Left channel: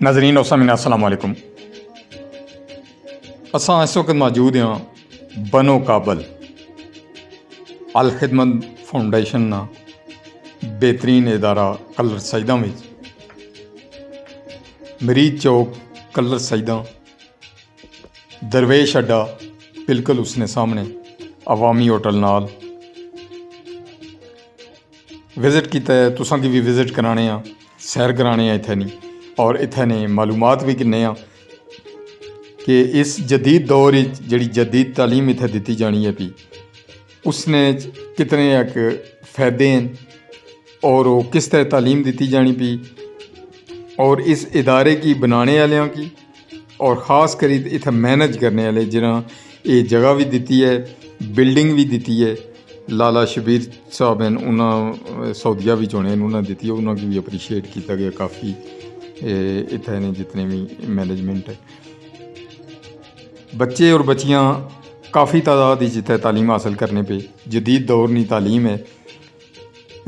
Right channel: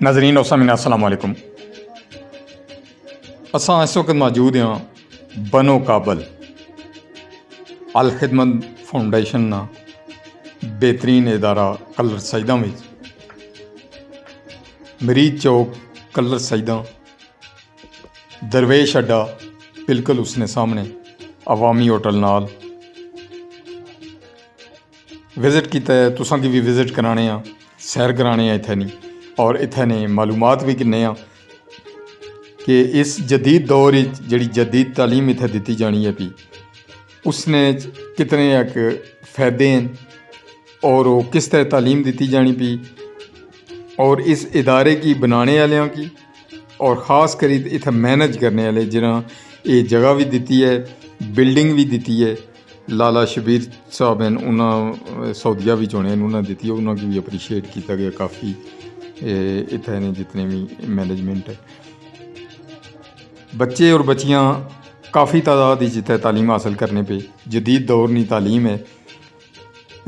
नाजरीन और सामीन अस्सलाम वालेकुम। असां इस वक्त मौजूद हैं बनो काबल अल खिदमत फाउंडेशन ना बेहतरीन इदारा कलर सईदा में मरीज चौक कलर सईदा दरवेश अड्डा बिल्कुल उसने सामने अवामी होटल नाल विजिट किया है। तुसां की भी विजिट कराने आ, सैर कराने इत्थे नहीं और इत्थे ने मालूमात भी किन्ने आ कि इस जदीद दौर जी जदीद तालीम इत्थे दी जानी है भी उसने कितने एक फ़ायदे हैं और वो किस तरह तालीम दी जानी पी और इस इदारे की बनाने वालों की और ख़ास करी इत्थे मैनेज करने वाले जिन्हें ये जगह भी दी है, बिल्डिंग भी दी है। लाला शबीर साहब हैं, उन्होंने सऊदिया भी चुने उन्होंने दी है, उन्होंने भी अप्रीशिएट किया गया काफ़ी इत्थे ने जितने भी मैनेजमेंट है। बच्चे और बच्चियाँ काफ़ी तादाद जितने तालीम हासिल करने पे जदीद दौर की तालीम है,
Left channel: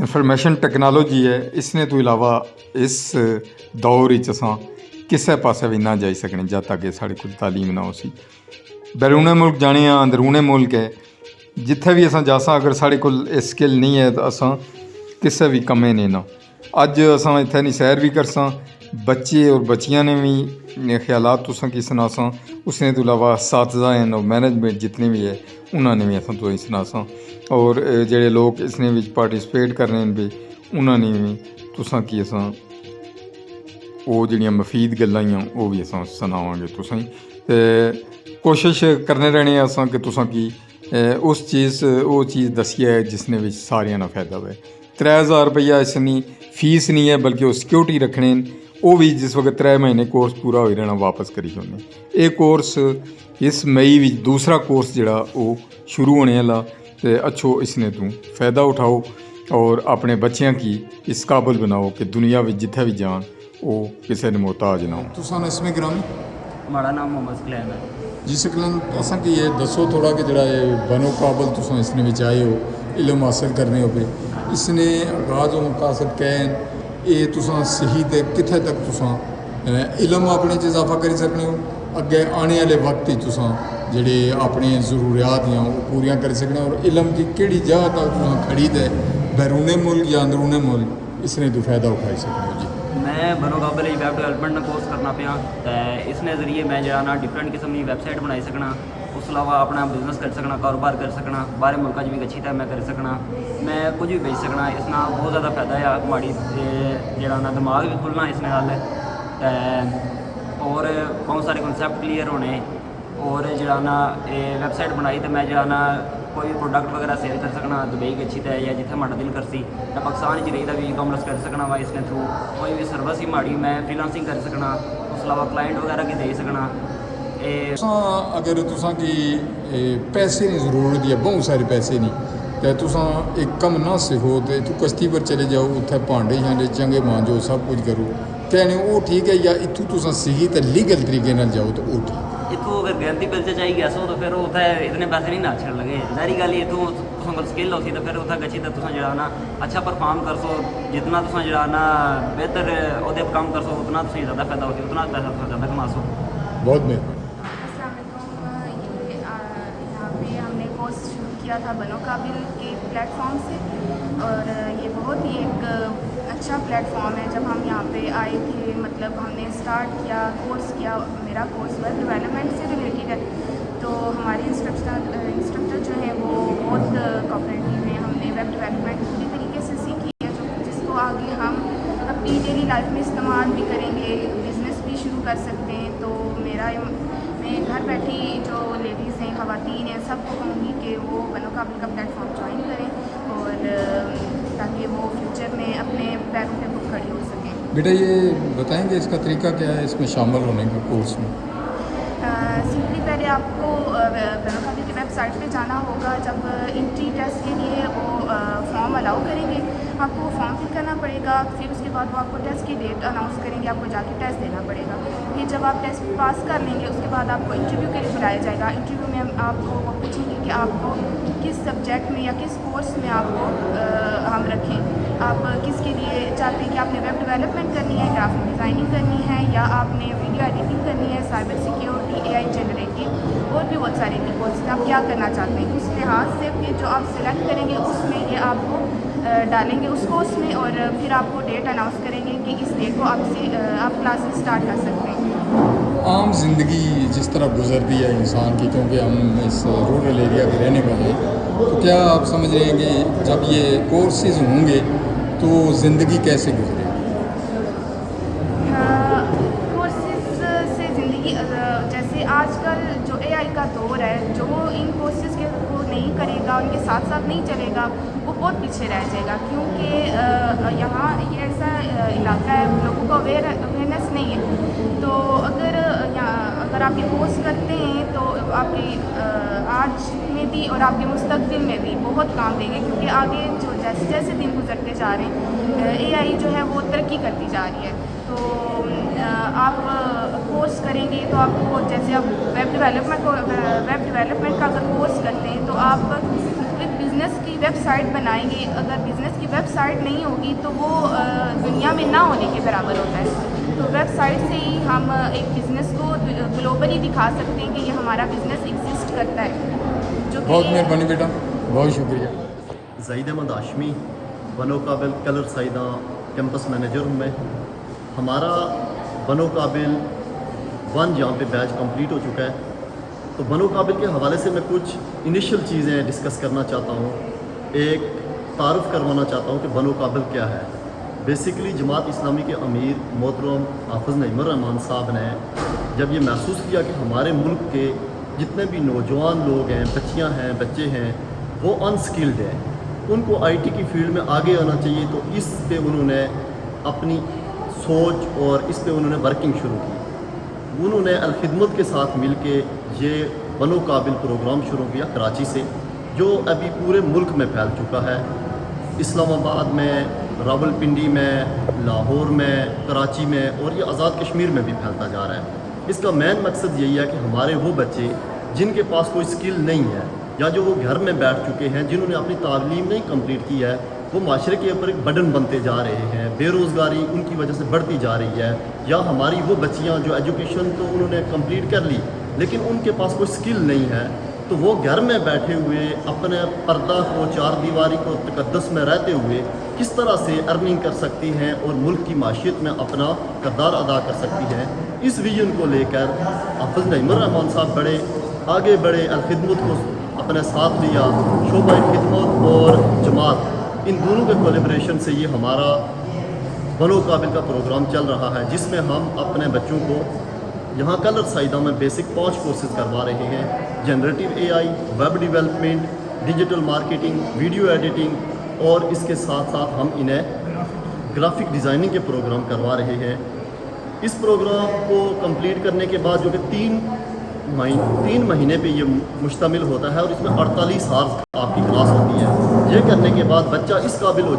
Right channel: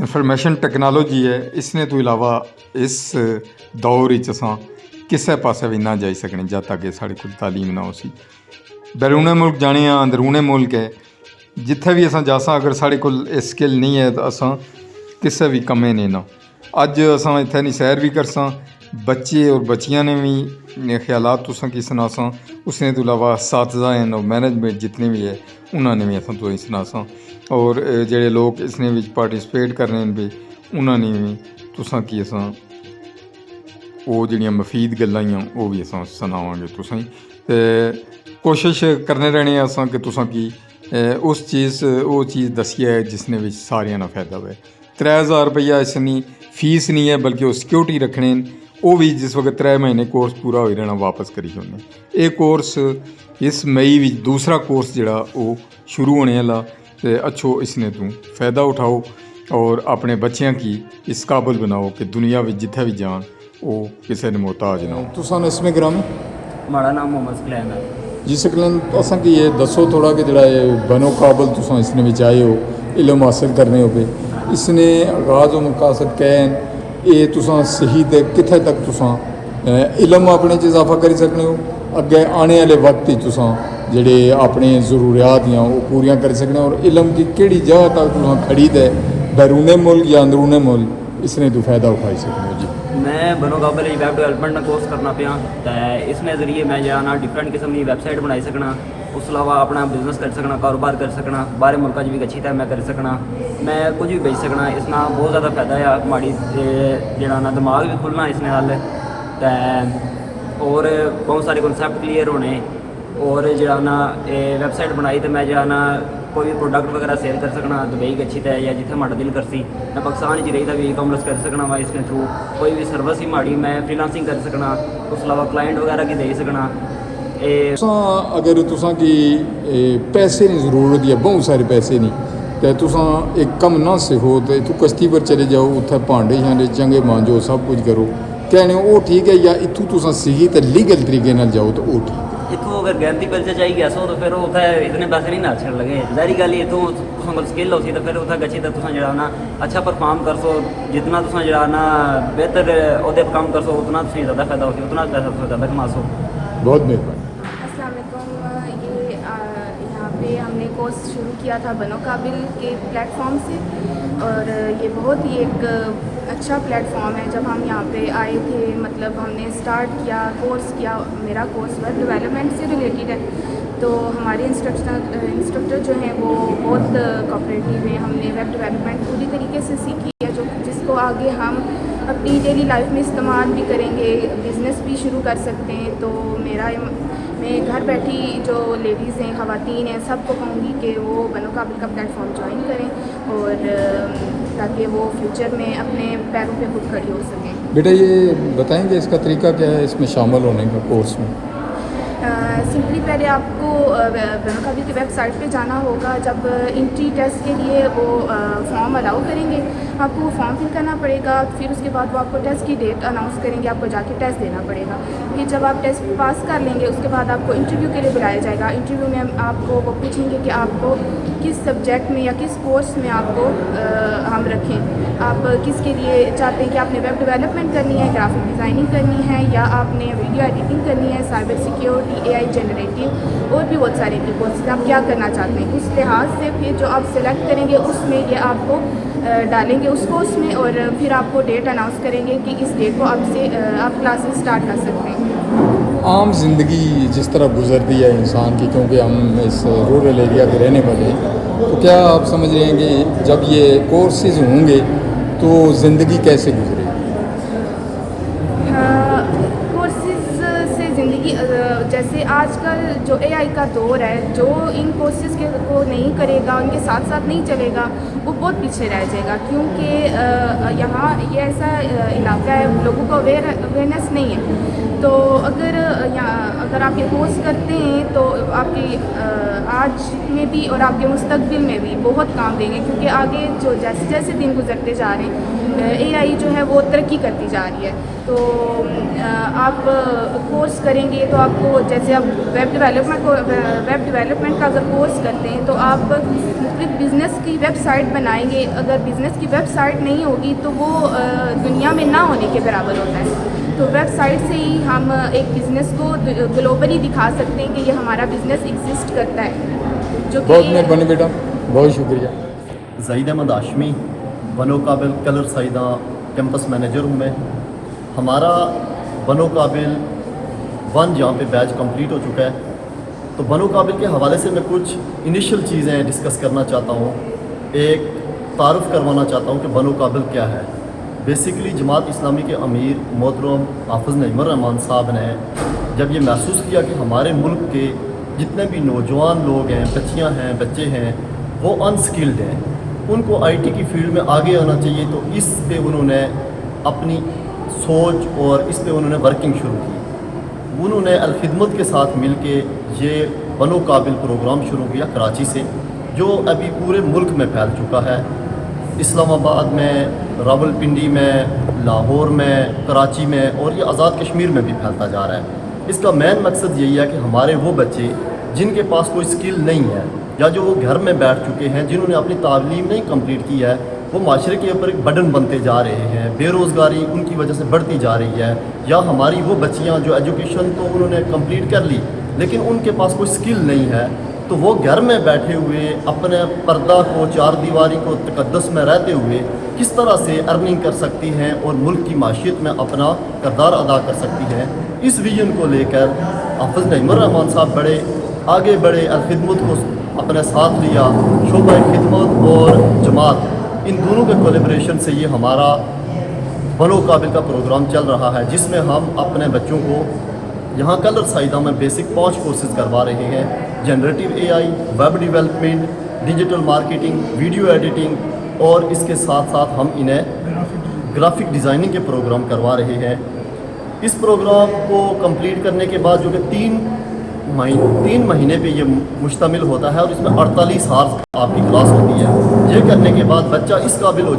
इंफॉर्मेशन टेक्नोलॉजी है। इसने तो इलावा इस दौर असां किसी पासे भी ना जाई सकने जब तक कि साढ़े कोल तालीम ना हो सी। बैरूने मुल्क जाने अंदरूने मुल्क है, जिथे भी असां जासां अगर साढ़े कोल स्किल नहीं है तो असां किसी भी कम्मे ने ना। अज असां इत्थे नहीं सैर भी करसां, बच्चे और बच्चियां ने भी ख्यालात तुसां की सनासां। उसने तो इलावा साथज़ा हैं और मैनेजमेंट जितने भी है उन्होंने भी असां तो सनासां और जेड़े लोग इसने विच पार्टिसिपेट करने भी उन्होंने भी तुसां की असां वो जड़ियाँ मफीद गल्लां वो भी असां सनावांगे तुसां ते कोशिश करने रहने असां कि तुसां की उस चीज़ वो चीज़ दसी है जिसने भी सारियां ना फायदा हुए। 3000 रुपया इसनी फीस नहीं है बल्कि वो सिक्योरिटी रखने वो भी जिस वक्त 3 महीने कोर्स पूरा हो रहना वापस करी छोड़ने। ये कोर्स इस मई में दूसरा कोर्स जड़ा वो शुरू होने वाला तो अच्छो इसने तू फ़ायदा उठाओ और अपने बच्चों की इस काबिल बनाओ कि दुनिया में जिथे भी जान वो किसी ने मोहताज ना हो। तुसान इसमें ग्रामी हमारा नाम मोहम्मद सकलैन है जी। सकलैन तो असा की ये दसो थोड़ा कि जरा ये बनो काबिल तुसा इसने भी आए हो इल्म हासिल करने हो पे इसने आगाज़ और मकासद कैन ये तुसां सही ते कित्थे तक तुसां इल्म अपने च इजाफा करी सकने हो, अगे आने वाले वक्त तुसां जेड़े अपने ज़रूरियात या वो पूरियां करी सकने और इल्म की केड़ी जगह तक तुसां खड़ी ते बैरूने मुल्क या अंदरूने मुल्क इसने तो फ़ायदा उठाई सकने हो। मैं बनो काबल वैब डेवलपमेंट का कोर्स करना पाया तो इसने जरिए मैं जो डिफरेंट किस्म की वैबसाइट बनाई सकना, उस अलावा अपना बिजनेस कर सकना, कारोबार कर सकना, बाहर मुल्कों भी अच्छी तरह मैं कर सकना, मैं कुछ भी बेच सकना। इस ना बहुत ज़्यादा फायदा है माड़ी जो ना दिमाग भी खुलना इसने नाल और बहुत सारे कॉन्सैप्ट क्लीयर होने और जो ना वैबसाइट बनाई तो मैं जो ना कोई भी प्रोडक्ट वगैरह सेल कर सकना दुबई की अच्छी तरह या जिथे माड़ा दिल करसी मैं पाकिस्तान रही था भी ई कॉमर्स कर सकना वा इसने थ्रू कोई भी सर्विस ही माड़ी मैं फ्रीलांसिंग कर सकना, उस अलावा क्लाइंट वगैरह की दे सकना। अगर तुसां की पैसे की ज़रूरत है, बहुत सारे पैसे नहीं तो तुसां एक कम ना सीखो तो इतों कश्ती पर चले जाओ, उत्थे भांडे शांडे चंगे मांजो, सब कुछ करो कहने वो ठीक है, या इतों तुसां सीखी तो लीगल तरीके नाल जाओ तो वो ठीक। इतों अगर गैरंटी पैसे चाहिए गया सो तो फिर उत्थे इतने पैसे नहीं ना छड़ लगे। जारी गल इतों तुसां कोल स्किल हो सी तो फिर उत्थे गच्छी तो तुसां जड़ा ना अच्छा परफॉर्म कर सो, जितना तुसां जड़ा ना बेहतर ओहदे पर काम कर सो उतना तुसें ज़्यादा फायदा हो सी, उतना पैसा तुसें ज़्यादा कमा सो। बहुत मेहरबानी। अस्सलाम वालेकुम। ये यहाँ पे हमने कोर्स शुरू किया था बनो काबिल के प्लेटफॉर्म से और ये बहुत ही एक अच्छा प्लेटफॉर्म है। जब हम यहाँ पे आए थे मतलब हमने स्टार्ट किया कोर्स किया, मेरा कोर्स वेब डेवलपमेंट से रिलेटेड है तो हमारे इंस्ट्रक्टर जो हैं वो बहुत कोऑपरेटिव हैं। हमने वेब डेवलपमेंट पूरी तरीके से सीखी है जो जिसको आगे हम अपनी डेली लाइफ में इस्तेमाल भी करेंगे, बिज़नेस भी शुरू कर सकते हैं। तो मैं घर बैठी जो लेडीज़ हैं, ख़वातीन हैं, सबको कहूँगी कि वो बनो काबिल का प्लेटफॉर्म ज्वाइन करें और ताकि वो फ्यूचर में अपने पैरों पे खुद खड़ी हो सकें। बेटा ये बताएंगे इसका तरीका क्या है इसमें शामिल होने का कोर्स में? सिंपली पहले आपको बनो काबिल की वेबसाइट पे जाना होगा। जब एंट्री टेस्ट के लिए वो फॉर्म अलाउ करेंगे آپ کو وہ فارم فل کرنا پڑے گا. پھر اس کے بعد وہ آپ کو ٹیسٹ کی ڈیٹ اناؤنس کریں گے, آپ کو جا کے ٹیسٹ دینا پڑے گا. پھر جب آپ ٹیسٹ پاس کر لیں گے اس کے بعد آپ کو انٹرویو کے لیے بلایا جائے گا. انٹرویو میں آپ کو وہ پوچھیں گے کہ آپ کو کس سبجیکٹ میں یا کس کورس میں آپ کو ہم رکھیں. آپ کس کے لیے چاہتے ہیں کہ آپ نے ویب ڈیولپمنٹ کرنی ہے, گرافک ڈیزائننگ کرنی ہے, یا آپ نے ویڈیو ایڈیٹنگ کرنی ہے, سائبر سیکیورٹی, اے آئی جنریٹیو, اور بھی بہت سارے کی کورسز آپ کیا کرنا چاہتے ہیں. اس لحاظ سے پھر جو آپ سلیکٹ کریں گے اس میں یہ آپ کو ڈالیں گے اس کورس میں, اور پھر آپ کو ڈیٹ اناؤنس کریں گے کہ اس ڈیٹ کو آپ کلاسز اسٹارٹ کر سکتے ہیں. عام زندگی جس طرح گزرتی ہے انسان کی, کیونکہ ہم اس رورل ایریا کے رہنے والے ہیں, تو کیا آپ سمجھ رہے ہیں کہ جب یہ کورسز ہوں گے تو زندگی کیسے گزرے گی؟ کورسز سے زندگی جیسے آج کل جو اے آئی کا دور ہے, جو ان کورسز کو نہیں کرے گا, ان کے ساتھ ساتھ نہیں چلے گا, وہ بہت پیچھے رہ جائے گا. کیونکہ یہاں یہ ایسا علاقہ ہے لوگوں کو اویئرنیس نہیں ہے. تو اگر آپ یہ کورس کرتے ہیں تو آپ کی آج میں بھی اور آپ کے مستقبل میں بھی بہت کام دیں گے. کیونکہ آگے جو جیسے جیسے دن گزرتے جا رہے ہیں, اے آئی جو ہے وہ ترقی کرتی جا رہی ہے. تو آپ کورس کریں گے تو آپ کو, جیسے آپ ویب ڈیولپمنٹ کا اگر کورس کرتے ہیں تو آپ مختلف بزنس کی ویب سائٹ بنائیں گے. اگر بزنس کی ویب سائٹ نہیں ہوگی تو وہ دنیا میں نہ ہونے کے برابر ہوتا ہے. تو ویب سائٹ سے ہی ہم ایک بزنس کو گلوبلی دکھا سکتے ہیں کہ یہ ہمارا بزنس ایگزسٹ کرتا ہے. جو بہت مہربانی بیٹا, بہت شکریہ. زید احمد ہاشمی, بنو قابل کلر سعیدہ کیمپس مینیجر ہوں میں. ہمارا بنو قابل 1 یہاں پہ بیچ کمپلیٹ ہو چکا ہے. تو بنو قابل کے حوالے سے میں کچھ انیشیل چیزیں ڈسکس کرنا چاہتا ہوں. ایک تعارف کروانا چاہتا ہوں کہ بنو قابل کیا ہے. بیسکلی جماعت اسلامی کے امیر محترم حافظ نعیم الرحمان صاحب نے جب یہ محسوس کیا کہ ہمارے ملک کے جتنے بھی نوجوان لوگ ہیں, بچیاں ہیں, بچے ہیں, وہ انسکلڈ ہیں, ان کو آئی ٹی کی فیلڈ میں آگے آنا چاہیے, تو اس پہ انہوں نے اپنی سوچ اور اس پہ انہوں نے ورکنگ شروع کی. انہوں نے الخدمت کے ساتھ مل کے یہ بنو قابل پروگرام شروع کیا کراچی سے, جو ابھی پورے ملک میں پھیل چکا ہے. اسلام آباد میں, راول پنڈی میں, لاہور میں, کراچی میں, اور یہ آزاد کشمیر میں بھی پھیلتا جا رہا ہے. اس کا مین مقصد یہی ہے کہ ہمارے وہ بچے جن کے پاس کوئی سکل نہیں ہے, یا جو گھر میں بیٹھ چکے ہیں, جنہوں نے اپنی تعلیم نہیں کمپلیٹ کی ہے, وہ معاشرے کے اوپر ایک برڈن بنتے جا رہے ہیں. بے روزگاری ان کی وجہ سے بڑھتی جا رہی ہے. یا ہماری وہ بچیاں جو ایجوکیشن تو انہوں نے کمپلیٹ کر لی لیکن ان کے پاس کوئی سکل نہیں ہے, تو وہ گھر میں بیٹھے ہوئے اپنے پردہ کو, چار دیواری کو تقدس میں رہتے ہوئے کس طرح سے ارننگ کر سکتی ہیں اور ملک کی معیشت میں اپنا کردار ادا کر سکتی ہیں. اس ویژن کو لے کر حافظ نعیم الرحمان صاحب آگے بڑھے, الخدمت کو اپنے ساتھ لیا. شعبہ خدمت اور جماعت ان دونوں کے کولیبریشن سے یہ ہمارا بنو قابل کا پروگرام چل رہا ہے, جس میں ہم اپنے بچوں کو یہاں کلر سعیدہ میں بیسک 5 کورسز کروا رہے ہیں. Generative A I, web development, digital marketing, video editing, اور اس کے ساتھ ساتھ ہم انہیں گرافک ڈیزائننگ کے پروگرام کروا رہے ہیں. اس پروگرام کو کمپلیٹ کرنے کے بعد جو کہ 3 مہینے پہ یہ مشتمل ہوتا ہے, اور اس میں 48 ہارس آپ کی کلاس ہوتی ہے. یہ کرنے کے بعد بچہ اس قابل ہو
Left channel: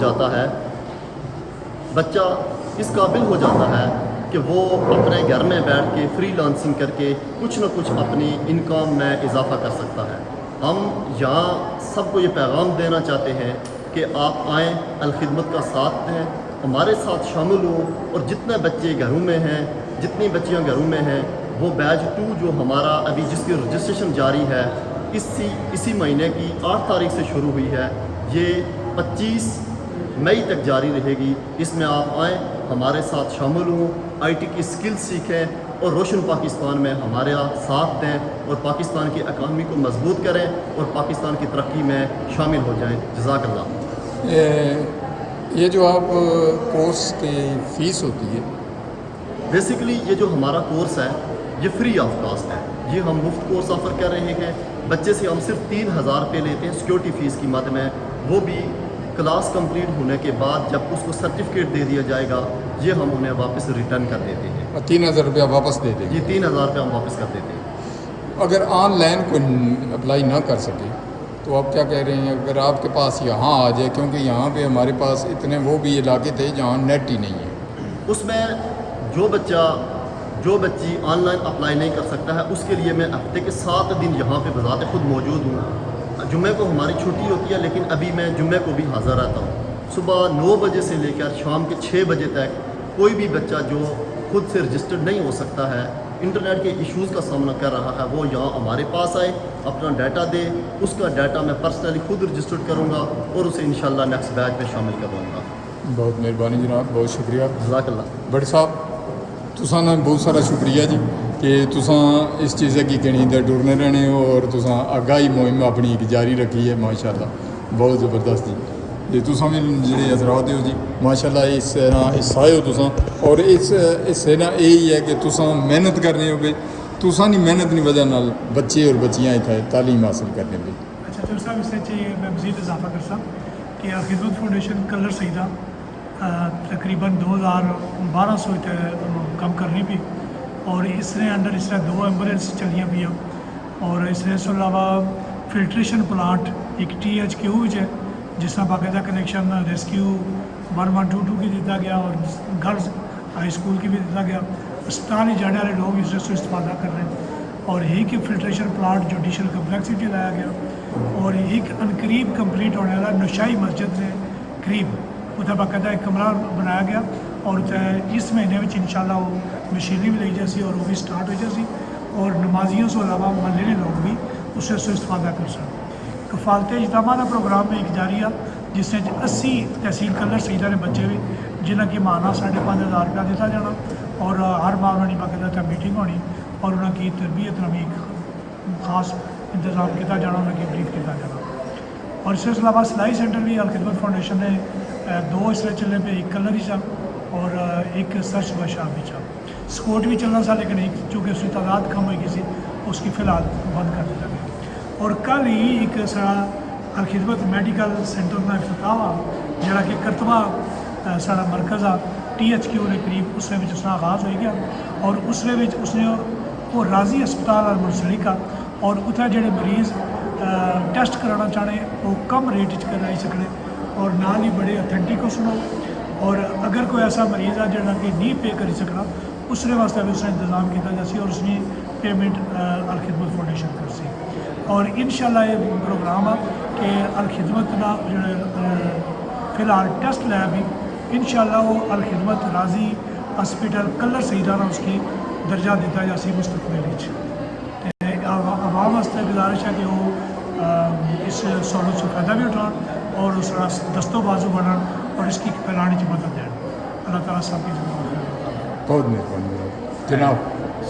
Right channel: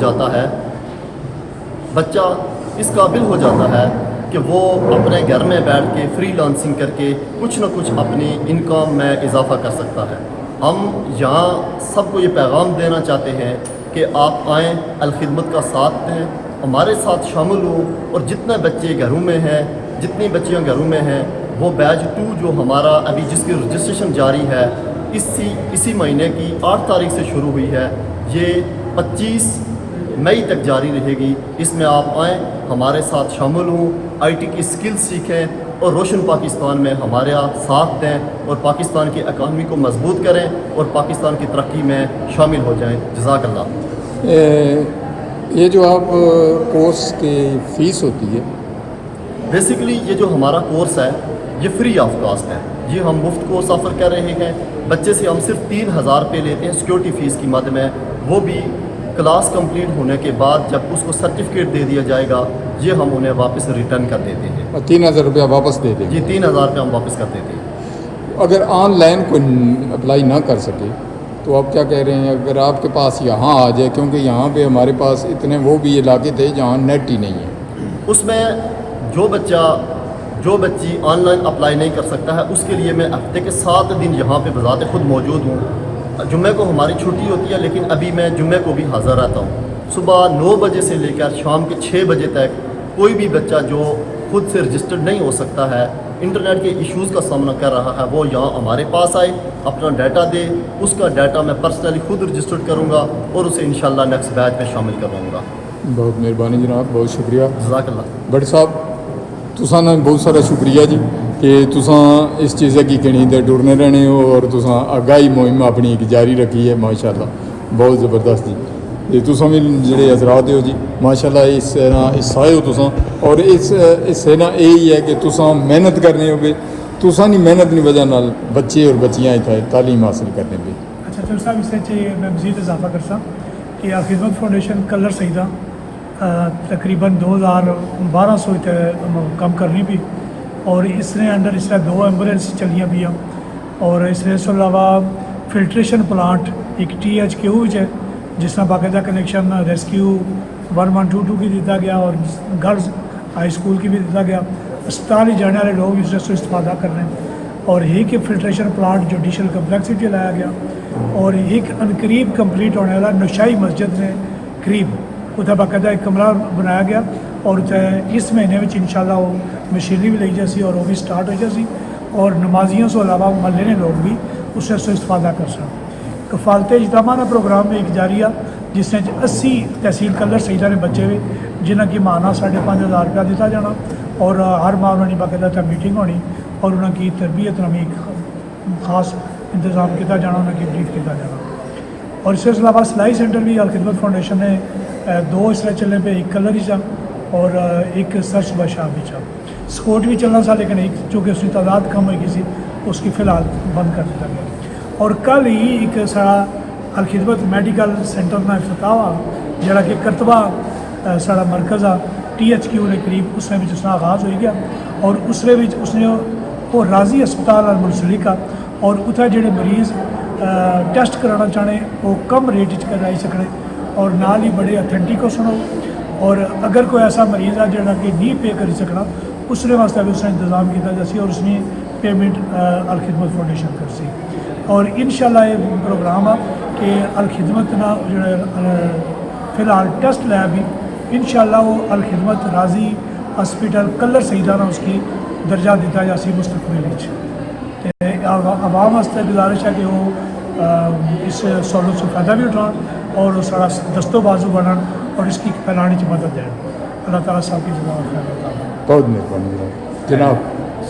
جاتا ہے کہ وہ اپنے گھر میں بیٹھ کے فری لانسنگ کر کے کچھ نہ کچھ اپنی انکم میں اضافہ کر سکتا ہے. ہم یہاں سب کو یہ پیغام دینا چاہتے ہیں کہ آپ آئیں, الخدمت کا ساتھ دیں, ہمارے ساتھ شامل ہوں, اور جتنے بچے گھروں میں ہیں, جتنی بچیاں گھروں میں ہیں, وہ بیچ 2 جو ہمارا ابھی جس کی رجسٹریشن جاری ہے اسی مہینے کی 8 تاریخ سے شروع ہوئی ہے, یہ 25 مئی تک جاری رہے گی. اس میں آپ آئیں, ہمارے ساتھ شامل ہوں, آئی ٹی کی سکلز سیکھیں, اور روشن پاکستان میں ہمارے ساتھ دیں, اور پاکستان کی اکانومی کو مضبوط کریں, اور پاکستان کی ترقی میں شامل ہو جائیں. جزاک اللہ. یہ جو آپ کورس کی فیس ہوتی ہے, بیسیکلی یہ جو ہمارا کورس ہے یہ فری آف کاسٹ ہے. یہ ہم مفت کورس آفر کر رہے ہیں. بچے سے ہم صرف 3000 روپے لیتے ہیں سیکورٹی فیس کی مد میں, وہ بھی کلاس کمپلیٹ ہونے کے بعد جب اس کو سرٹیفکیٹ دے دیا جائے گا یہ ہم انہیں واپس ریٹرن کر دیتے ہیں. اور 3000 روپیہ واپس دے دیں. یہ 3000 روپے ہم واپس کر دیتے ہیں. اگر آن لائن کوئی اپلائی نہ کر سکے तो आप क्या कह रहे हैं अगर आपके पास यहाँ आ जाए, क्योंकि यहाँ पे हमारे पास इतने वो भी इलाके थे जहाँ नेट ही नहीं है। उसमें जो बच्ची ऑनलाइन अप्लाई नहीं कर सकता है उसके लिए मैं हफ्ते के 7 दिन यहाँ पे बज़ात खुद मौजूद हूँ। जुम्मे को हमारी छुट्टी होती है, लेकिन अभी मैं जुम्मे को भी हाज़िर रहता हूँ। सुबह 9 बजे से लेकर शाम के 6 बजे तक कोई भी बच्चा जो खुद से रजिस्टर्ड नहीं हो सकता है, इंटरनेट के इश्यूज़ का सामना कर रहा है, वो यहाँ हमारे पास आए, अपना डाटा दे, उसका डाटा मैं पर्सनली खुद रजिस्टर्ड करूँगा और उसे इंशाल्लाह नेक्स्ट बैच में शामिल करवाऊँगा। बहुत मेहरबानी जनाब, बहुत शुक्रिया। जज़ाकल्लाह। बट साहब तुसा ना बहुत सारा शुक्रिया जी कि तुसा इस चीज़ की कणी ते टुरने रहने हो और तुसा आगाही मुहिम अपनी एक जारी रखी है माशाल्लाह, बहुत ज़बरदस्त जी। ये तुसा भी जेह्ड़े हजरात हो जी माशाल्लाह इस तरह हिस्सा हो तुसा, और इस हिस्से ना यही है कि तुसा मेहनत करने होगे, तुसा नी मेहनत की वजह नाल बच्चे और बच्चियाँ इत्थे तालीम हासिल करने पे। अच्छा तो साहब इससे चाहिए मैं मज़ीद इजाफा कर सकता कि खिदमत फाउंडेशन कलर सईदा तकरीबन 2200 कम करनी भी, और इसने अंडर इस तरह 2 एम्बुलेंस चलियाँ भी हैं, और इस अलावा फिल्ट्रेशन प्लांट एक THQ है जिस तरह बाकायदा कनेक्शन रेस्क्यू 1122 की दिता गया और गर्ल्स हाई स्कूल की भी दिता गया। अस्पताल ही जाने वाले लोग इससे इस्तेफादा कर रहे हैं, और एक फिल्ट्रेशन प्लांट जुडिशल कम्प्लेक्सिटी लाया गया, और एक अनकरीब कंप्लीट होने वाला नशाई मस्जिद ने करीब उत्थे बाकायदा एक कमरा बनाया गया, और उत्थे इस महीने में इंशाल्लाह वो मशीनरी भी ली जासी और वो भी स्टार्ट हो जासी, और नमाजियों से अलावा महल्ले ने लोग भी उससे इस्तेफादा कर सकते। कफालत इजतमाना प्रोग्राम में एक जारी आ जिसने 80 तहसील कलर सईदा ने बच्चे हुए जिन्हें कि माना 5,500 रुपया दिता जाना, और हर माह उन्होंने बाकायदा मीटिंग होनी और उनकी तरबियत नमी खास इंतज़ाम किया जाना, उनकी ब्रीफ किया जाना। और इसके अलावा सिलाई सेंटर भी अल खिदमत फाउंडेशन ने 2 इस तरह चलने पे, एक कलर ही चा और एक सर्च बशाब भी चा। स्कोट भी चलना सा, लेकिन एक चूँकि उसकी तादाद कम हो गई सी उसकी फ़िलहाल बंद कर दिया गया। और कल ही एक सारा अल खिदमत मैडिकल सेंटर का इफ्तिताह हुआ जरा कि करतबा सारा मरकज़ आ THQ के करीब उसने उसका आगाज़ हो गया, और उसने वो राजी अस्पताल अल मुंसलिका, और उत्थे जेडे मरीज़ टेस्ट कराना चाहने वो कम रेट कराई सकने, और नाल ही बड़े अथेंटिक हो सुनो, और अगर कोई ऐसा मरीज़ है जोड़ा कि नहीं पे करी सकना उसने वास्ते भी उसने इंतज़ाम किया जासी, और उसने पेमेंट अल खिदमत फाउंडेशन कर सी। और इंशाल्लाह ये प्रोग्राम आ कि अल खिदमत ना जो फ़िलहाल टेस्ट लैब भी इंशाल्लाह वो अल खिदमत राजी हॉस्पिटल कलर सईदा ना उसकी दर्जा दिता जासी मुस्तकबिल। आवाम वास्ते गुजारिश है कि वो इस सहूलत से फ़ायदा भी उठान और सारा दस्तो बाजू बनन और इसकी फैलाने की मदद दें। अल्लाह ताला साहब की जगह खैर होता। बहुत मेहरबानी जनाब।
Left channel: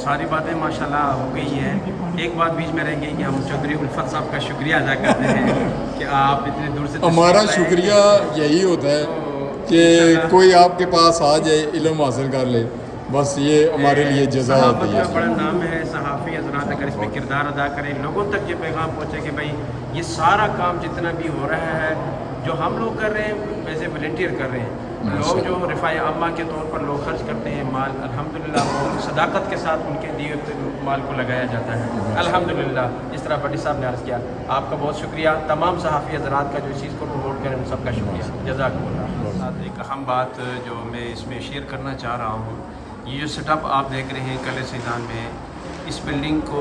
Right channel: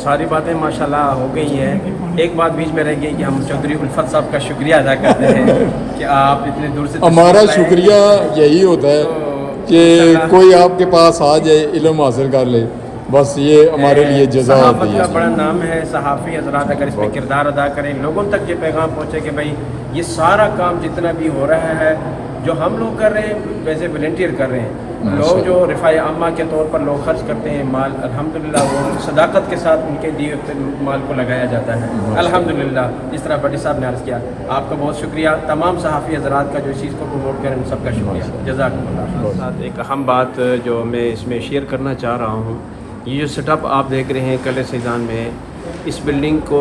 सारी बातें माशाल्लाह हो गई हैं। एक बात बीच में रह गई कि हम चौधरी उल्फत साहब का शुक्रिया अदा करते हैं कि आप इतने दूर से हमारा शुक्रिया यही होता है कि कोई आपके पास आ जाए, इल्म हासिल कर ले, बस ये हमारे लिए जज़ा होती सहाफ़त का है। बड़ा नाम है। सहाफ़ी हज़रात अगर इसमें किरदार अदा करें, लोगों तक ये पैगाम पहुँचे कि भाई ये सारा काम जितना भी हो रहा है जो हम लोग कर रहे हैं वैसे वॉलंटियर कर रहे हैं। लोग जो रिफ़ाई आमा के तौर पर लोग खर्च करते हैं माल, अल्हम्दुलिल्लाह वो सदाकत के साथ उनके दिए माल को लगाया जाता है अल्हम्दुलिल्लाह। जिस तरह बड़ी साहब ने अर्ज़ किया, आपका बहुत शुक्रिया। तमाम सहाफ़ी हज़रात का जो इस चीज़ को प्रमोट करें उन सबका शुक्रिया, जज़ाकल्लाह। साथ एक अहम बात जो मैं इसमें शेयर करना चाह रहा हूँ, ये जो सेटअप आप देख रहे हैं कलर सईदान में, इस बिल्डिंग को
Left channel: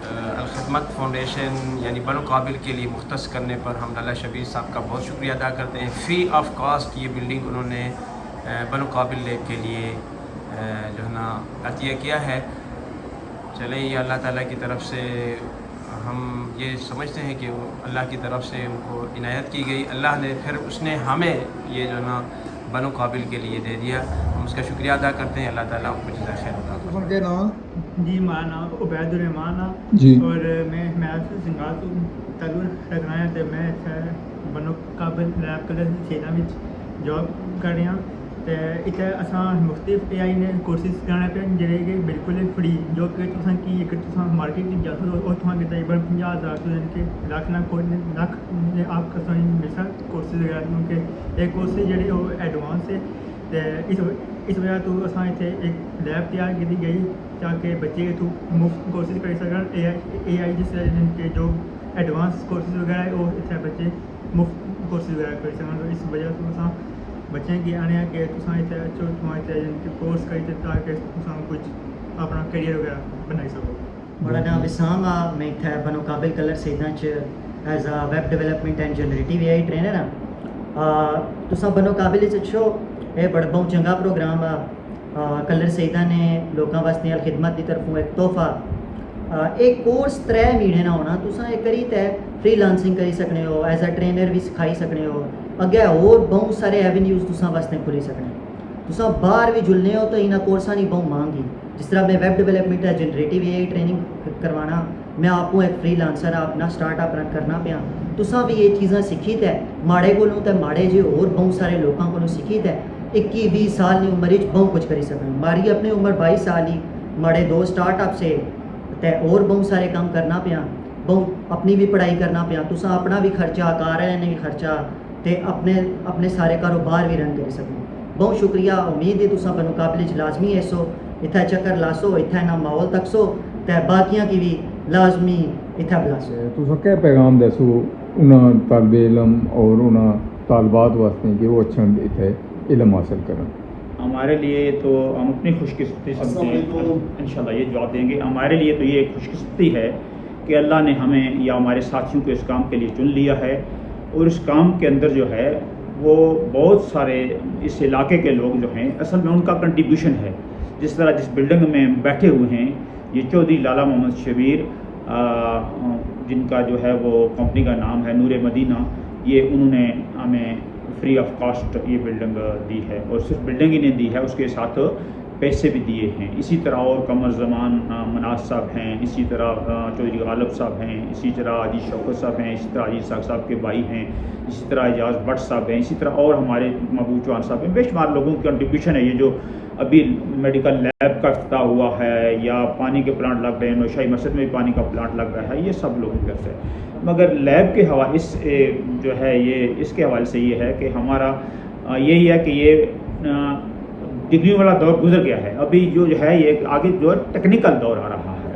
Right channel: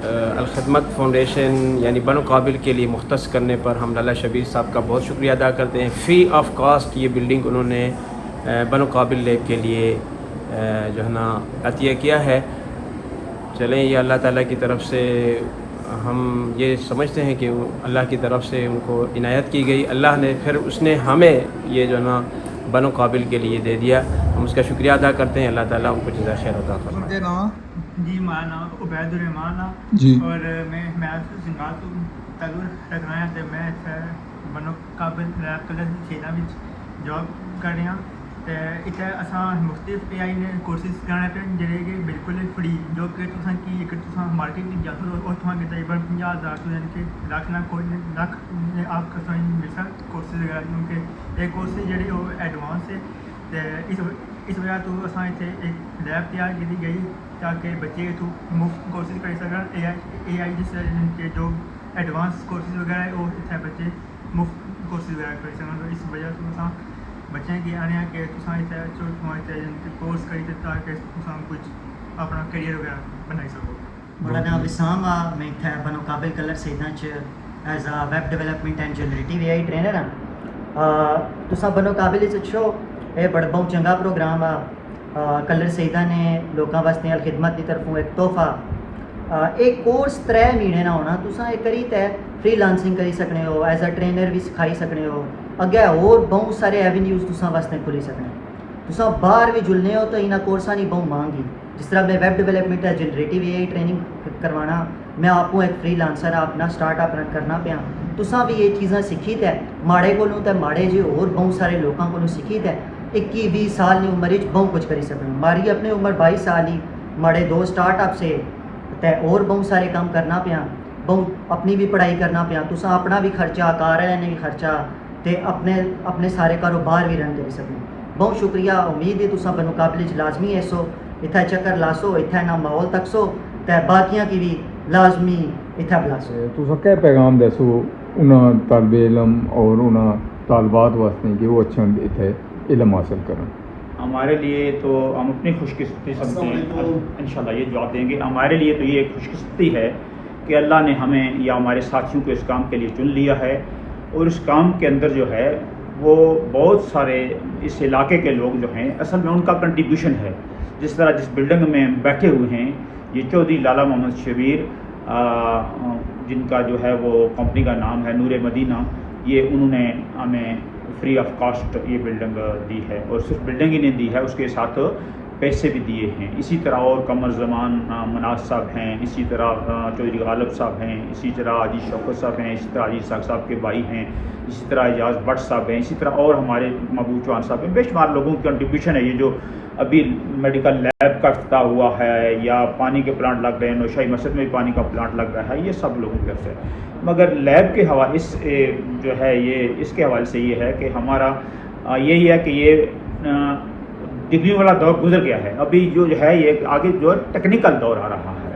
अल खिदमत फाउंडेशन यानी बनो काबिल के लिए मुख्तस करने पर हम लाला शबीर साहब का बहुत शुक्रिया अदा करते हैं। फ़्री ऑफ कॉस्ट ये बिल्डिंग उन्होंने बनो काबिल लैब के लिए जो है ना अतिया किया है। चलें, ये अल्लाह ताला की तरफ से हम ये समझते हैं कि अल्लाह की तरफ से उनको इनायत की गई, अल्लाह ने फिर उसने हमें ये जो है ना बनो काबिल के लिए दे दिया। हम उसका शुक्रिया अदा करते हैं। अल्लाह ताला उनको जज़ा खैर अता फरमाए। जी मेरा नाम उबैदुर्रहमान जी। और मैं सिंगाल तो ताल्लुक रखना है तो मैं बनो काबिल लैब कलर सईदा में जॉब कर रहा तो इतने असा मुख्तलिफ AI ने कोर्सेज कराने पे जेह्ड़े कि बिल्कुल फ्री, जो कि तुसां की एक तुसां मार्केट च जाओ और तुहां तकरीबन 50,000 तो यानी कि लाख ना कोई लाख आप तुसें मिसल कोर्सेज वगैरह, क्योंकि ये कोर्सेज जेह्ड़े ओह् एडवांस है तो इस वजह तो असां इत्थे एक लैब तैयार की गई ताकि बच्चे इत्थों मुफ्त कोर्सेज करी सकन। AI जिस जो एडवांस कोर्सेज वगैरह वो इतने बच्चे मुफ्त कोर्सेज वगैरह कर सकन। तो इस वजह से तुसां बच्चें की आने कि तुसां इतने अच्छो तुम कोर्स करी ताकि तुसां कुछ अपना करियर वगैरह बनाई सको। मेरा नाम विसाम आ, मैं इत्थै बनो काबिल कलर सईदा च as a web development and generative AI trainer हाँ। तुसां बनो काबिल च अच्छो ये बड़ा बहुत चंगा प्रोग्राम आ। कलर सईदा ने लोगों वास्ते अल खिदमत की तरफों एक तोहफा एक कोर्स 3 महीने ना होना तुसां एक करी ते फ्रीलांसिंग करी सकने हो, एज अ ट्रेनर भी सिखाई सकने हो, अग्गे और बहुत सारे एवेन्यूज़ तुसां वास्ते खुली सकने। तुसां बाहर भी जुलने हो तो इन्हां कोर्सां की बहुत मांग ही। जिस तरह मैं वेब डेवलपमेंट है जनरेटिव एआई ट्रेनिंग करवाना, मैं आपको एक फ्रीलांसर अपना स्टार्टअप रन करना पिया। तुसां भी ये चीज़ां सीखी ते माड़े कोलों ते माड़े जे और बहुत सारे लोगों को सीखी ते 21-20 साल की उम्र बहुत कुछ करी सकते। मारी अपनी उम्र 22 साल ही, माड़े 2 स्टार्टअप से ते और बहुत सारे काम करना पिया, बहुत अपनी भी पढ़ाई करना पिया। तुसां अपना भी खर्चा, घर वाले ने भी खर्चा ते अपने सारे कारोबार भी रन करी सकते। बहुत शुक्रिया, उम्मीद है तुसां बनो काबिल च लाजमी ऐसो इत्थै चक्कर लासो, इत्थै ना माहौल तकसो ते बाकियां की भी लाजमी इत्थै बुलासो। तुसां क्या पैगाम दसो उन्हां तालिब इलम और उन्हां तालबात वास्ते कि वो अच्छा इत्थै इलम हासिल करन? हमारे लिए तो हम अपनी खुशकिस्मती समझते हैं, इंशाल्लाह ये जवाब देंगे। हमारे लिए तो ये खुशकिस्मती है कि अल्लाह ने हमें या हमारे साथियों को इस काम के लिए चुन लिया है और इस काम के अंदर जो है वो बहुत सारे इस इलाके के लोग जो हैं असल में उनका कंट्रीब्यूशन है। जिस तरह जिस बिल्डिंग में बैठे हुए हैं ये चौधरी लाला मोहम्मद शबीर जिनका जो है वो कंपनी का नाम है नूर मदीना, ये उन्होंने हमें फ्री ऑफ कॉस्ट ये बिल्डिंग दी है और सिर्फ बिल्डिंग ही नहीं दी है, उसके साथ पैसे भी दिए हैं। इसी तरह और कमर ज़मान मनाज साहब हैं, इसी तरह चौधरी गालिब साहब हैं, इसी तरह अजीज शौकत साहब हैं, इसी तरह अजीज साहब साहब के भाई हैं, इसी तरह एजाज भट्ट साहब हैं, इसी तरह और हमारे महबूब चौहान साहब हैं। बेशुमार लोगों की कंट्रीब्यूशन है। ये जो अभी मेडिकल लैब का इफ्तिताह हुआ है या पानी के प्लांट लग रहे हैं, नौशाही मस्जिद में भी पानी का प्लांट लग रहा है, ये सब लोगों की तरफ से। मगर लैब के हवाले इस जो है ये इसके हवाले से ये है कि हमारा यही है कि ये डिग्री वाला दौर गुजर गया है। अभी जो है ये आगे जो टेक्निकल दौर आ रहा है।